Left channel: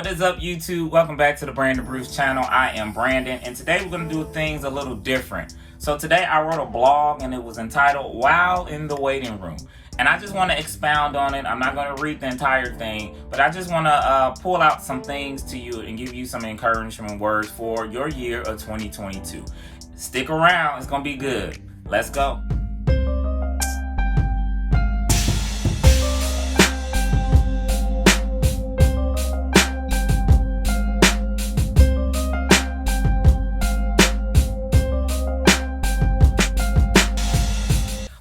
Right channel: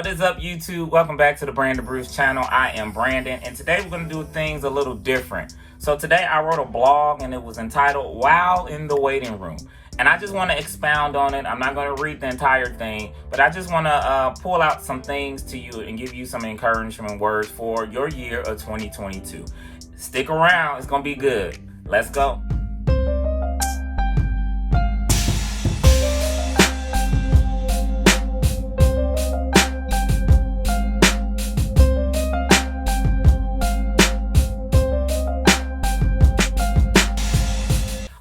What is up, YouTube? Welcome back to the Brandon Bruce channel. I am Brandon, and today we're going to do things a little different. So today I wrote a blog, and it was entitled While in the Waiting Room. And I just want to expound on it. I'm not going to read the entire thing, but I just want to pull out some things to you and give you some encouragement words for your year of 2022. Stick around. It's going to be good. Let's go.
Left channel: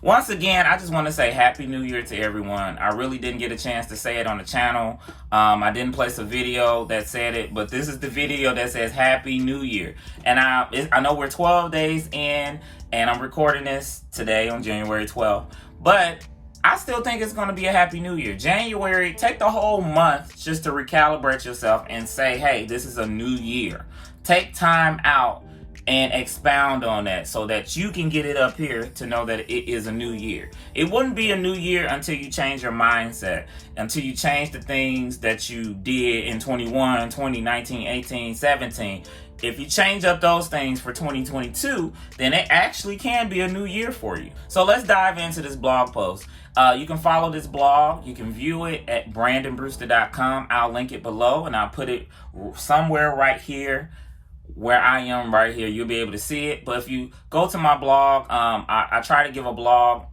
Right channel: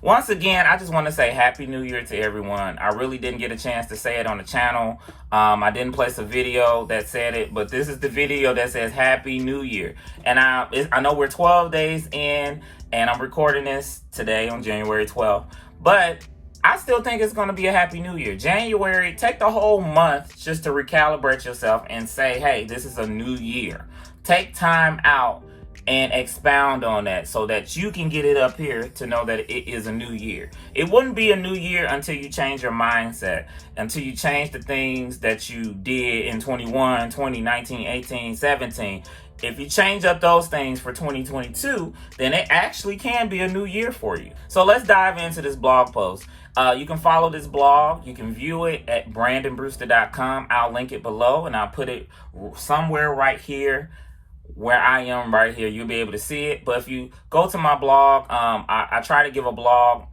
Once again, I just want to say Happy New Year to everyone. I really didn't get a chance to say it on the channel. I didn't place a video that said it, but this is the video that says Happy New Year. And I know we're 12 days in, and I'm recording this today on January 12th, but I still think it's going to be a Happy New Year. January, take the whole month just to recalibrate yourself and say, hey, this is a new year. Take time out and expound on that so that you can get it up here to know that it is a new year. It wouldn't be a new year until you change your mindset, until you change the things that you did in 21, 20, 19, 18, 17. If you change up those things for 2022, then it actually can be a new year for you. So let's dive into this blog post. You can follow this blog. You can view it at brandonbrewster.com. I'll link it below, and I'll put it somewhere right here where I am right here. You'll be able to see it. But if you go to my blog, I try to give a blog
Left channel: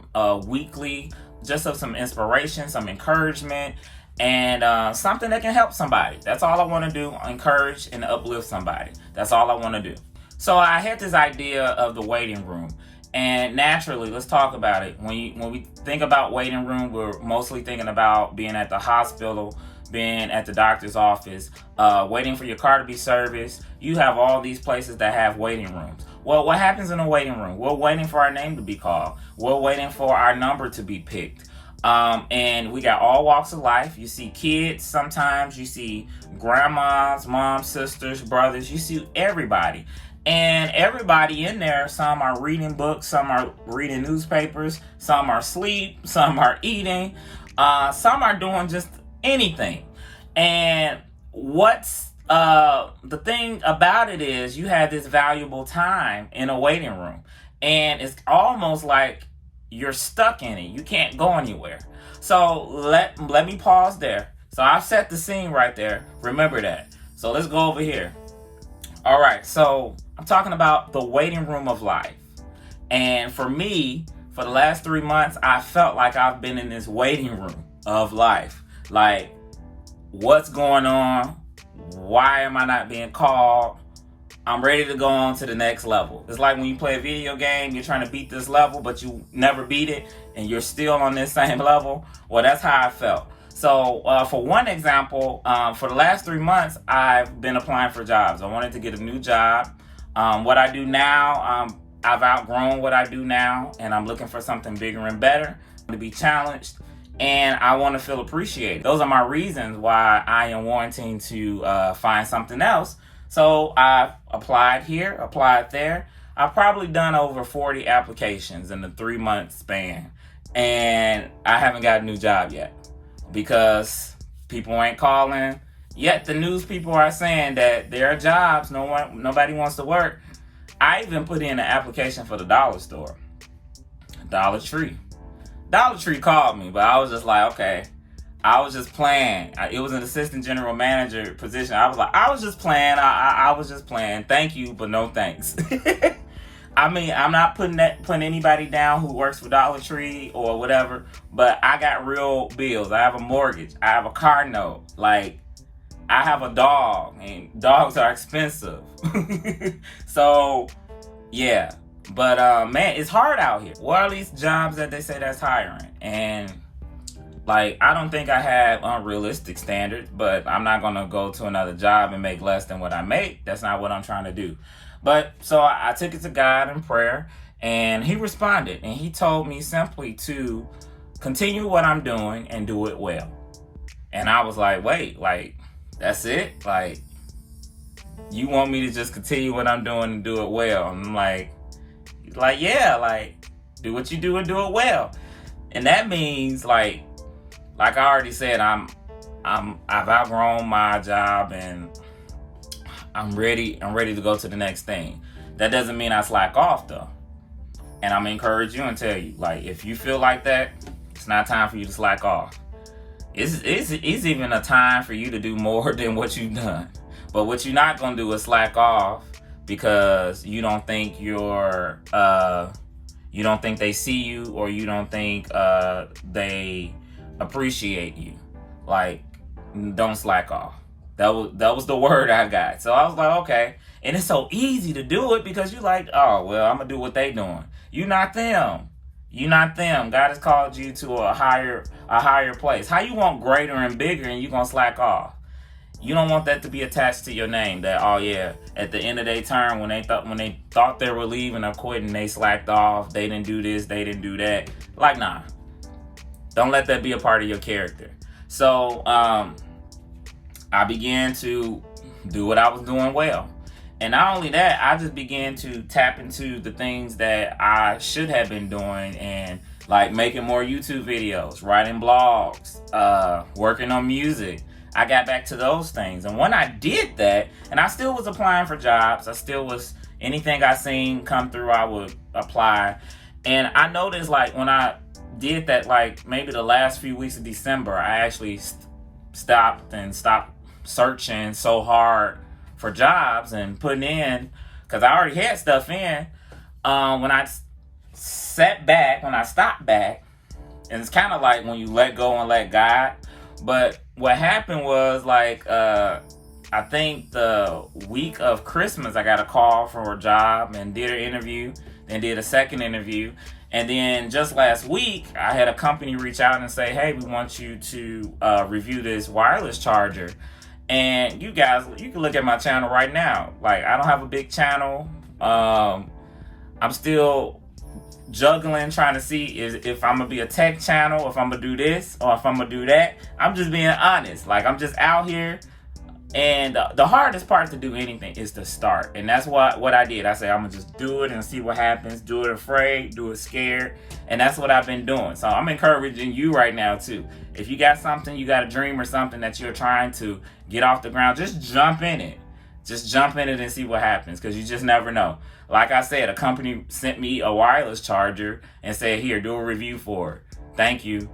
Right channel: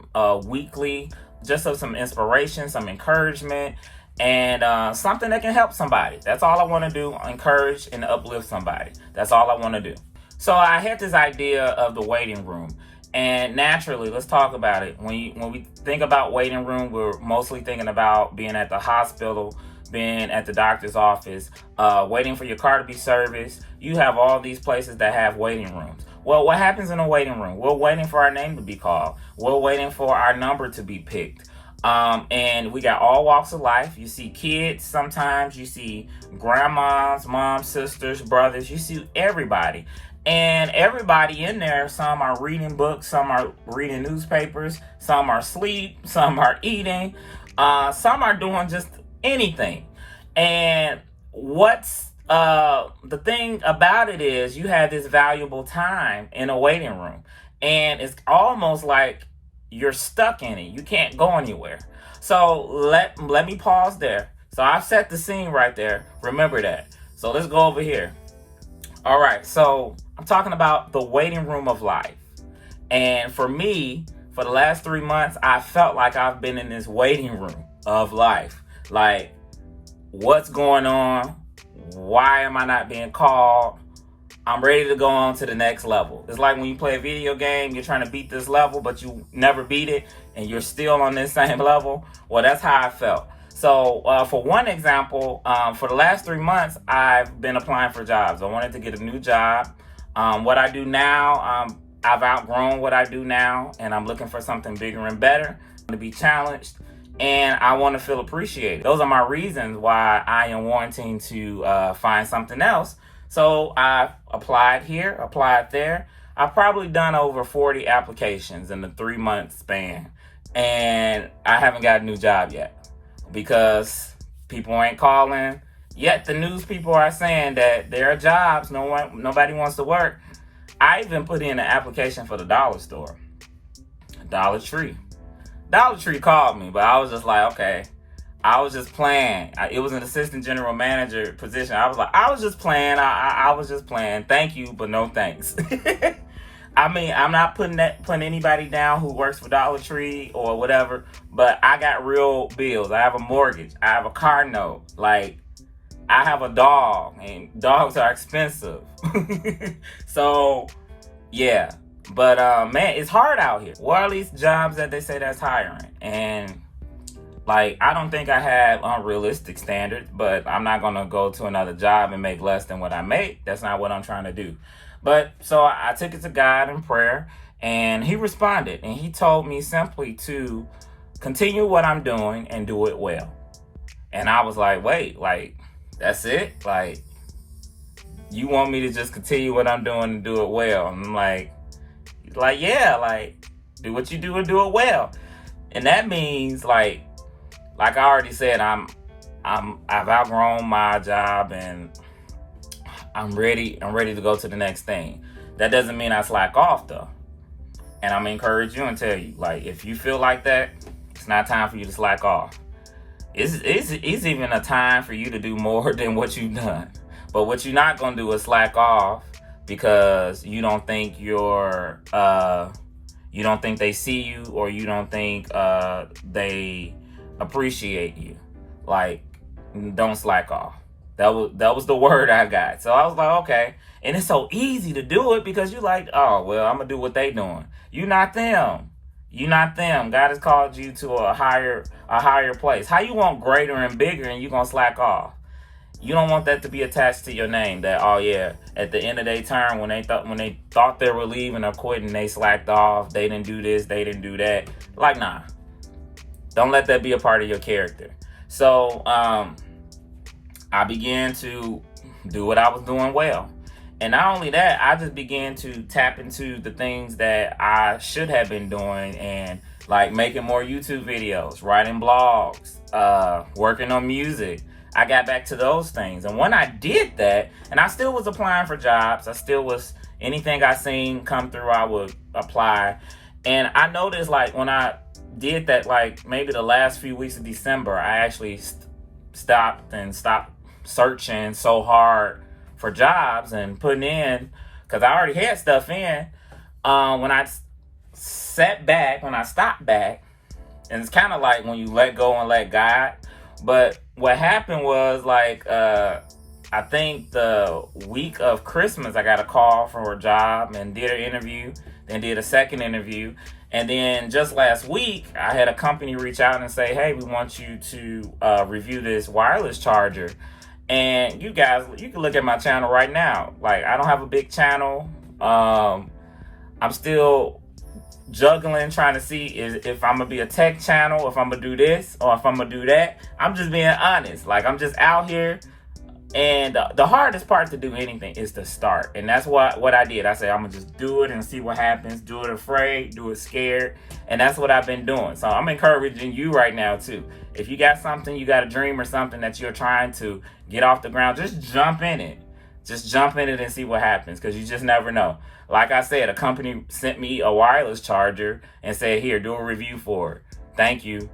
weekly, just of some inspiration, some encouragement, and something that can help somebody. That's all I want to do, encourage and uplift somebody. That's all I want to do. So I had this idea of the waiting room. And naturally, let's talk about it. When we think about waiting room, we're mostly thinking about being at the hospital, being at the doctor's office, waiting for your car to be serviced. You have all these places that have waiting rooms. Well, what happens in a waiting room? We're waiting for our name to be called. We're waiting for our number to be picked. And we got all walks of life. You see kids sometimes. You see grandmas, moms, sisters, brothers. You see everybody. And everybody in there, some are reading books, some are reading newspapers, some are asleep, some are eating, some are doing just anything. And what's the thing about it is you have this valuable time in a waiting room, and it's almost like you're stuck in it. You can't go anywhere. So let me pause there. So I've set the scene right there. Remember that. So let's go over here. All right. So I'm talking about the waiting room of life. And for me, for the last 3 months, I felt like I've been in this waiting room of life. Like, what's going on? Why am I not being called? I'm ready to go on to the next level. It's like when you play a video game, you're trying to beat this level, but you never beat it, and you're still on this same level. Well, that's how I felt. So for one example, for the last 3 months, I've been applying for jobs. I wanted to get a new job. What I do now, I've outgrown what I do now, and I'm looking for something bigger and better, to be challenged, and I want to feel appreciated. Those are my reasons why I am wanting to find something else. So I've applied here, applied there. I've probably done over 40 applications in the 3 month span, and I haven't got a new job yet because people ain't calling. Yet the news people are saying that there are jobs, nobody wants to work. I even put in an application for the dollar store, Dollar Tree. Dollar Tree called me, but I was just like, okay. I was just playing. It was an assistant general manager position. I was like, I was just playing. I was just playing. Thank you, but no thanks. I mean, I'm not putting anybody down who works for Dollar Tree or whatever, but I got real bills. I have a mortgage. I have a car note. Like, I have a dog, and dogs are expensive. So, yeah. But, man, it's hard out here. What are these jobs that they say that's hiring? And, like, I don't think I have unrealistic standards, but I'm not going to go to another job and make less than what I make. That's not what I'm trying to do. But, so I took it to God in prayer, and he responded. And he told me simply to continue what I'm doing and do it well. And I was like, wait, like, that's it? Like, you want me to just continue what I'm doing and do it well? And I'm like, yeah, like, do what you do and do it well. And that means, like I already said, I'm I've outgrown my job, and I'm ready to go to the next thing. That doesn't mean I slack off though. And I'm gonna encourage you and tell you, like, if you feel like that, it's not time for you to slack off. It's even a time for you to do more than what you've done. But what you're not gonna do is slack off because you don't think you don't think they see you, or you don't think they appreciate you. Like, don't slack off. That was the word I got. So I was like, okay. And it's so easy to do it because you like, oh, well, I'm going to do what they doing. You not them. You not them. God has called you to a higher place. How you want greater and bigger and you going to slack off? You don't want that to be attached to your name. That, oh yeah, at the end of their term, when they thought they were leaving or quitting, they slacked off. They didn't do this. They didn't do that. Like, nah. Don't let that be a part of your character. So, I began to do what I was doing well. And not only that, I just began to tap into the things that I should have been doing, and like making more YouTube videos, writing blogs, working on music. I got back to those things. And when I did that, and I still was applying for jobs, I still was, anything I seen come through, I would apply. And I noticed, like, when I did that, like maybe the last few weeks of December, I actually stopped searching so hard for jobs and putting in, because I already had stuff in. When I stopped back, and it's kind of like when you let go and let God. But what happened was, like, I think the week of Christmas, I got a call for a job and did an interview, then did a second interview. And then just last week, I had a company reach out and say, hey, we want you to review this wireless charger. And you guys, you can look at my channel right now. Like, I don't have a big channel. I'm still juggling, trying to see if I'm gonna be a tech channel, if I'm gonna do this, or if I'm gonna do that. I'm just being honest. Like, I'm just out here. And the hardest part to do anything is to start. And that's what I did. I said, I'm gonna just do it and see what happens. Do it afraid, do it scared. And that's what I've been doing. So I'm encouraging you right now too. If you got something, you got a dream or something that you're trying to get off the ground, just jump in it. Just jump in it and see what happens, because you just never know. Like I said, a company sent me a wireless charger and said, here, do a review for it. Thank you.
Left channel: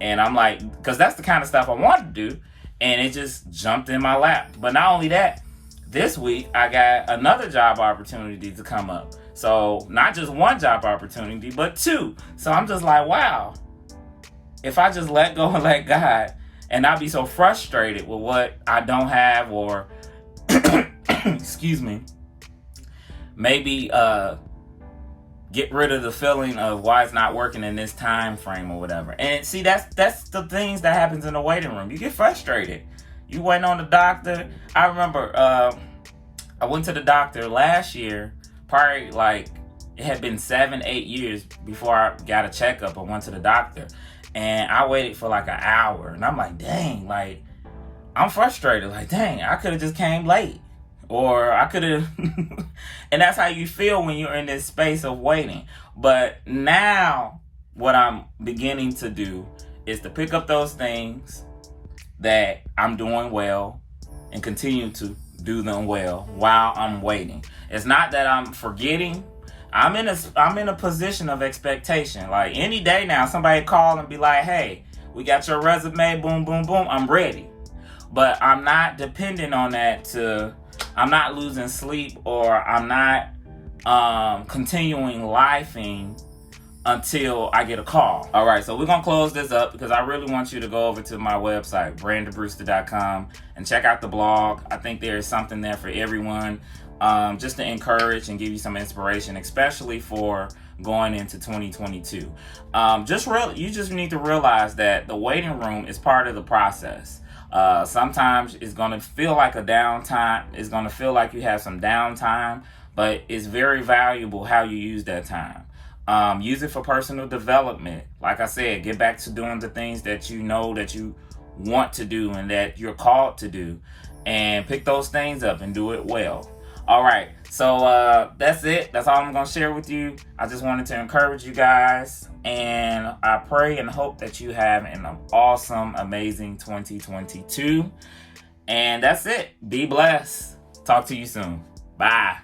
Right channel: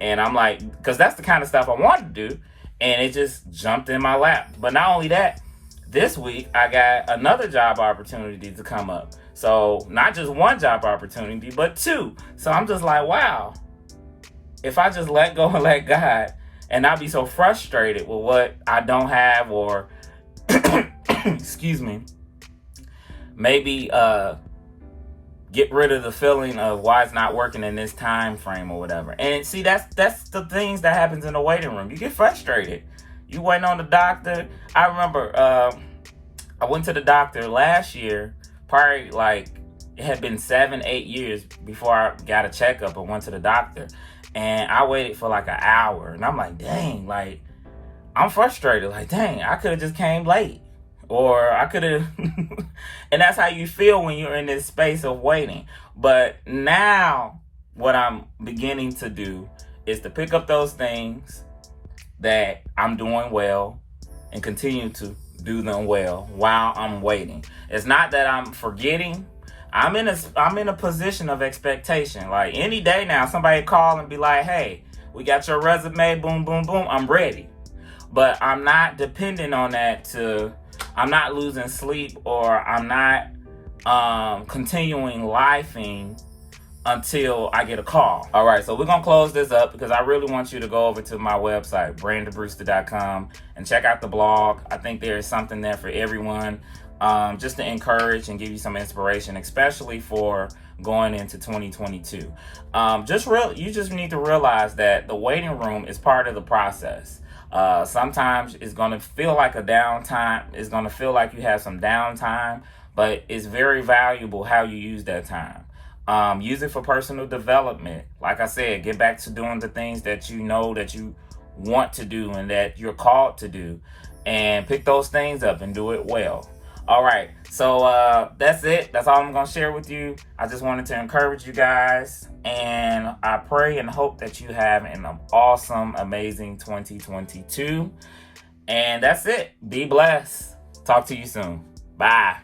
And I'm like, because that's the kind of stuff I wanted to do. And it just jumped in my lap. But not only that, this week I got another job opportunity to come up. So not just one job opportunity, but two. So I'm just like, wow, if I just let go and let God, and not be so frustrated with what I don't have, or excuse me, maybe get rid of the feeling of why it's not working in this time frame or whatever. And see, that's the things that happens in the waiting room. You get frustrated. You waiting on the doctor. I remember I went to the doctor last year, probably like it had been 7-8 years before I got a checkup. I went to the doctor and I waited for like an hour, and I'm like, dang, like I'm frustrated. Like, dang, I could have just came late. Or I could have, and that's how you feel when you're in this space of waiting. But now what I'm beginning to do is to pick up those things that I'm doing well and continue to do them well while I'm waiting. It's not that I'm forgetting. I'm in a position of expectation. Like, any day now, somebody call and be like, hey, we got your resume, boom, boom, boom. I'm ready. But I'm not dependent on that I'm not losing sleep, or I'm not continuing lifing until I get a call. All right, so we're going to close this up because I really want you to go over to my website, brandonbrewster.com, and check out the blog. I think there is something there for everyone, just to encourage and give you some inspiration, especially for going into 2022. You just need to realize that the waiting room is part of the process. Sometimes it's going to feel like a downtime. It's going to feel like you have some downtime, but it's very valuable how you use that time. Use it for personal development. Like I said, get back to doing the things that you know that you want to do and that you're called to do, and pick those things up and do it well. All right, so that's it. That's all I'm gonna share with you. I just wanted to encourage you guys, and I pray and hope that you have an awesome, amazing 2022. And that's it. Be blessed. Talk to you soon. Bye.